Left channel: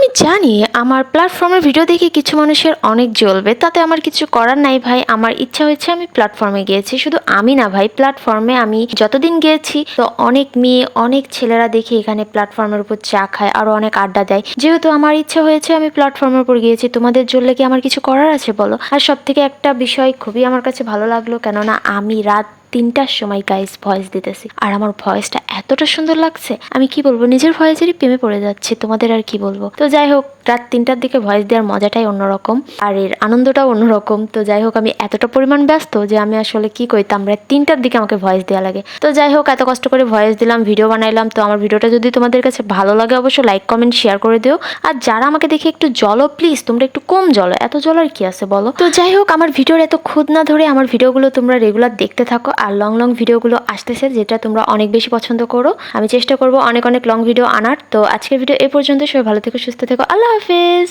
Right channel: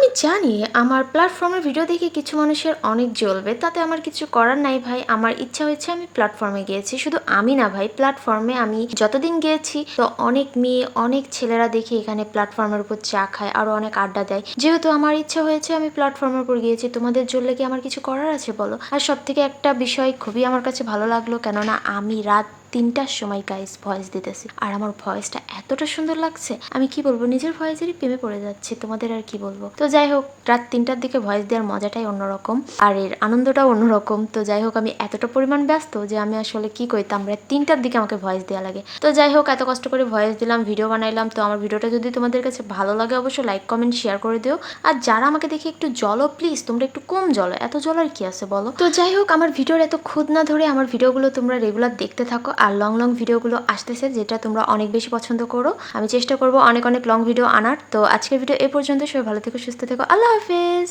আমি জানি আমার প্ল্যাটফর্মের ভিডিও দেখে কিছু মানুষের অনেক জ্বলবে, তাতে আমার কিছু করার নাই ভাই। আমার ইচ্ছা হয়েছে, আমি প্ল্যাটফর্মে গিয়েছি। শুধু আমি না ভাই, প্ল্যাটফর্মে আমি যতদিন গিয়েছি তো অনেক মেয়ে অনেক ছেলেরা দেখি এখানে প্ল্যাটফর্মের উপর চা খায়, আরো অনেক আড্ডা দেয়। যেহেতু আমার ইচ্ছা হয়েছে, আমি প্ল্যাটফর্মের উপর গিয়েছি। তোমাদের জ্বললে কি আমার কিছু করার আছে বলো? আর সব থেকে একটা বিষয় খুবই আমার কাছে ভালো লাগলো, কেননা আমি রাত 3টার সময় গাইস ভয়েস দিতেছি, আর আমার ভয়েসটা এতটা সুন্দর লাগছে, আমি কি বলবো, নিজের ভয়েসেরই প্রেমে পড়ে যাচ্ছি। তোমাদের আর কি বলবো। তো যাই হোক, রাত 3টার দিকে ভয়েস দেওয়ার মজাটাই অন্যরকম, আর এর আনন্দটাও অন্যরকম। তো যাই হোক, আমি এতটা পরিমাণ ব্যস্ত যে আমি আসলে কি করতাম, রাত 3টার দিকে আমাকে ভয়েস দেওয়া লাগে। তো যাই হোক, এত কষ্ট করে ভয়েস দিলাম, ভিডিও বানাইলাম। তো আমার ভিডিওটা যদি তোমাদের কাছে ভালো লাগে, অবশ্যই লাইক কমেন্ট শেয়ার করে দিও। আর যারা আমাকে দেখে একটু জ্বলো, প্লিজ তোমরা একটু কম জ্বলো, এত জ্বলার কি আছে বলো। তো যাই হোক, আমার ভিডিওর এত খুদ না ধরে আমার ভিডিওগুলো তোমরা রেগুলার দেখতে থাকো। আর লং লং ভিডিওগুলো আসতেছে, যেটা তোমরা অনেক বেশি পছন্দ করো। আমি চেষ্টা করবো অনেক অনেক লং ভিডিও আনার। তো আজকের ভিডিও এ পর্যন্ত। সবাই ভালো থেকো, সুস্থ থেকো, আল্লাহ হাফেজ।